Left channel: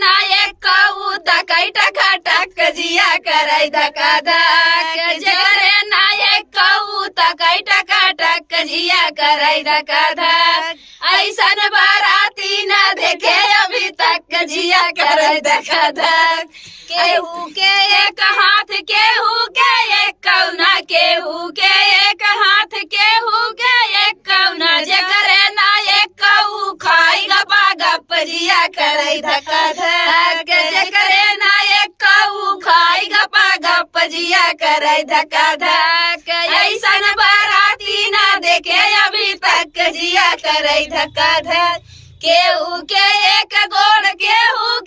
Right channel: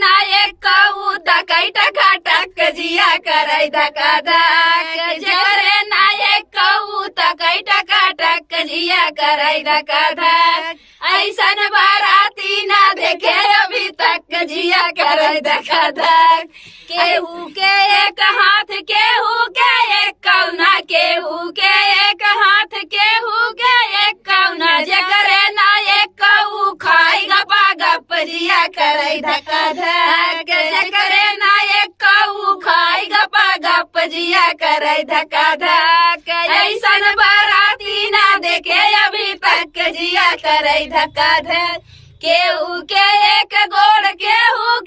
ना एक कहू तकई टका टक जिया करे धका धक जकरे ना एक कहू तकई टका टक जिया करे धका धक ऐसन बाराती ना देखे अभी तक जिया करे धका धक केहू के एक हाथ केहू के एक कौना केहू के एक हाथ केहू के एक कौना जकरे ना एक कहू खाई गपा गप जिया करे धका धक जकरे ना एक कहू खाई गपा गप जिया करे धका धक ऐसन बाराती ना देखे अभी तक जिया करे धका धक केहू के एक गोड़ केहू